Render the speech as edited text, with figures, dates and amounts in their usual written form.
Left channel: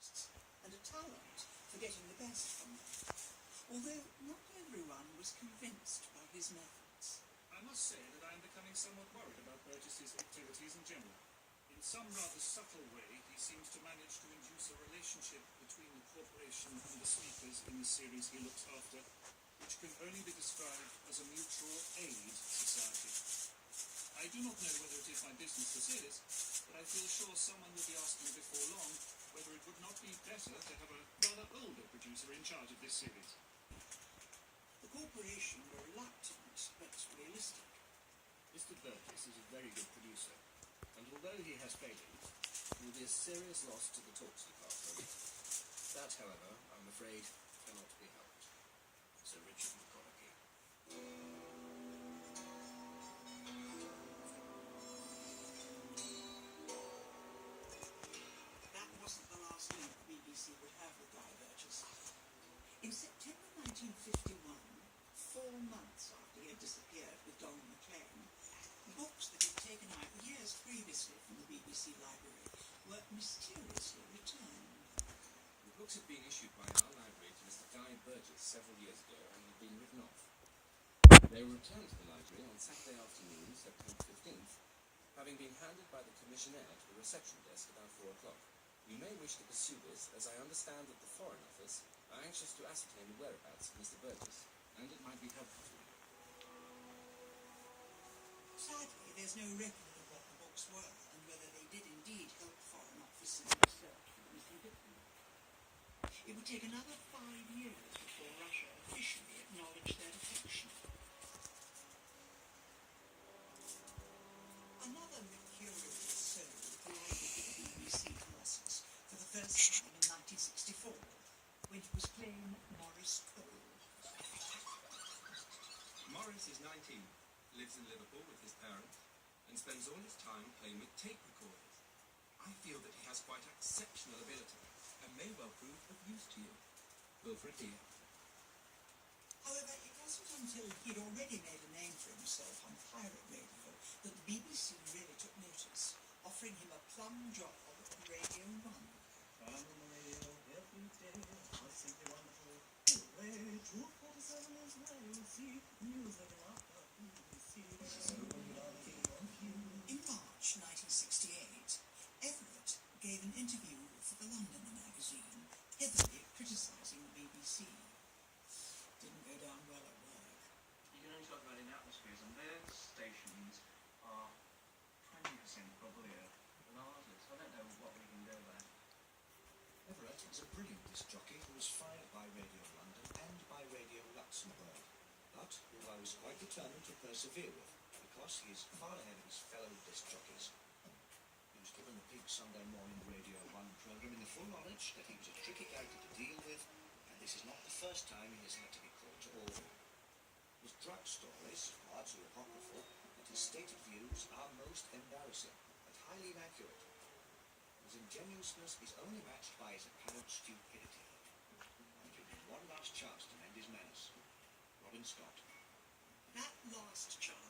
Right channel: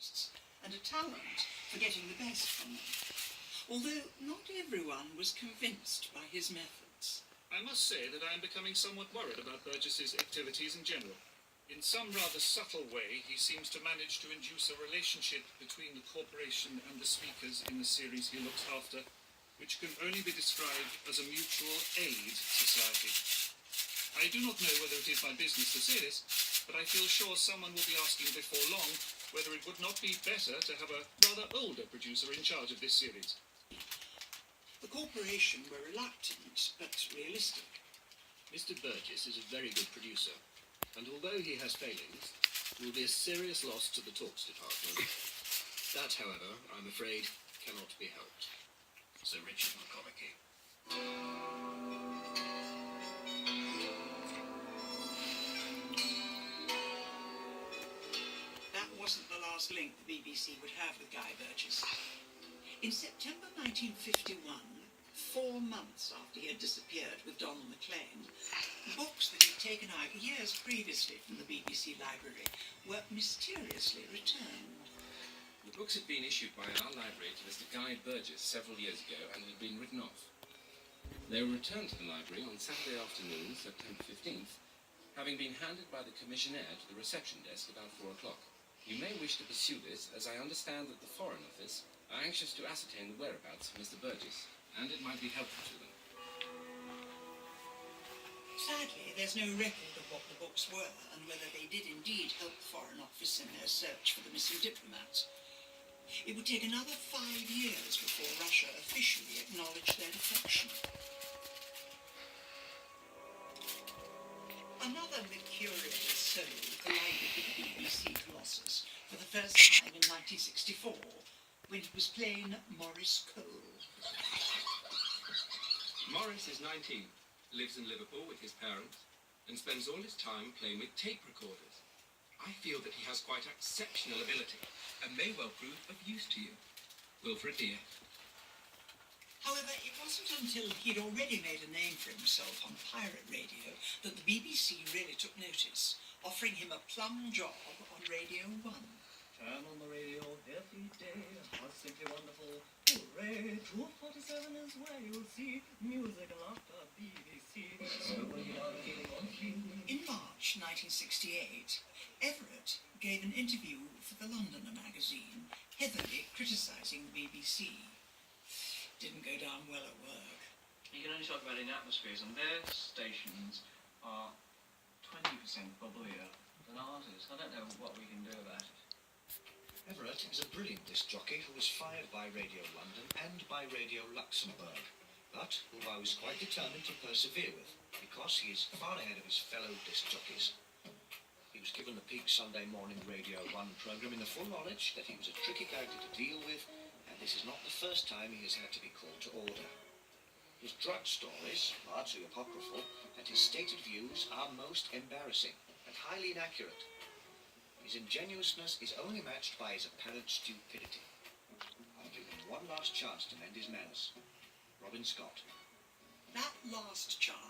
costs, and a talent for getting the best from them. Although not everyone was convinced by his methods. I must say that I am becoming somewhat worried about Burgess's activities in general. In some rather subtle way, he seems to manage to induce a relationship between the corporation and the speakers in the series he looks after, which can only be described as a mutual aid society. I do not know whether it is my business to say this, but I feel sure someone will be asking before long whether it would not be better to have a rather older producer in charge of this series. The corporation were reluctant, but realistic. Mr. Burgess is a very good producer, and although he has failings, it will be a serious loss to the talks department. That, however, I'm afraid, cannot be helped. Sir Richard McConaughey. That wasn't the last link the BBC would have with Guy Burgess. In September 1951, 4 months after he had disappeared with Donald Maclean, books that he'd taken out years previously from the BBC library were mysteriously returned. The books had been issued by our library to Mr. Guy Burgess several years ago and had been written off. They were returned to the library on Saturday afternoon, September 15th, having been handed by the commissionaire to the reception desk about 4 o'clock. You may wish to pursue this, as I understand that the Foreign Office are anxious to ascertain the whereabouts of Mr. Burgess, and it might be helpful to them. Sadly, there's no record of what the books were and whether they did indeed help the Foreign Office in their search for the missing diplomats. It would take another 5 years before Russia officially acknowledged their defection. Another mercurial soul collided with the BBC Colossus for the first time in 1964, when it was playing Maurice Cole. Maurice is 19, lives in Liverpool with his parents, and spends all his time playing with tape recorders. I feel that he has quite exceptional ability, and may well prove of use to you. Wilfred Dear. However, it wasn't until he'd already made a name for himself on pirate radio that the BBC really took notice, offering him a plum job on Radio 1. Turn on the radio every day, what's simply wonderful. Hooray, Troop 47 is where you'll see music and laughter, BBC. So when you are feeling on cue. In March 1968, Everett gave an interview for the Londoner magazine, heavily criticising the BBC. Didn't go down well at work. You can only talk about it in atmospheres, and their stations are 20% bubblier than ours is. I don't know what we can do about it. Everett is a brilliant disc jockey who was fired by Radio London and by Radio Luxembourg, but whom I was quite determined to persevere with, because he is far ahead of his fellow disc jockeys. He was given the peak Sunday morning Radio 1 programme in the full knowledge that he was a tricky character to deal with, and this is not the first time he has had to be called to order. His drug stories, largely apocryphal, and his stated views are most embarrassing and highly inaccurate. His ingenuousness is only matched by his apparent stupidity. I'll give him one last chance to mend his manners. Robin Scott. That last chance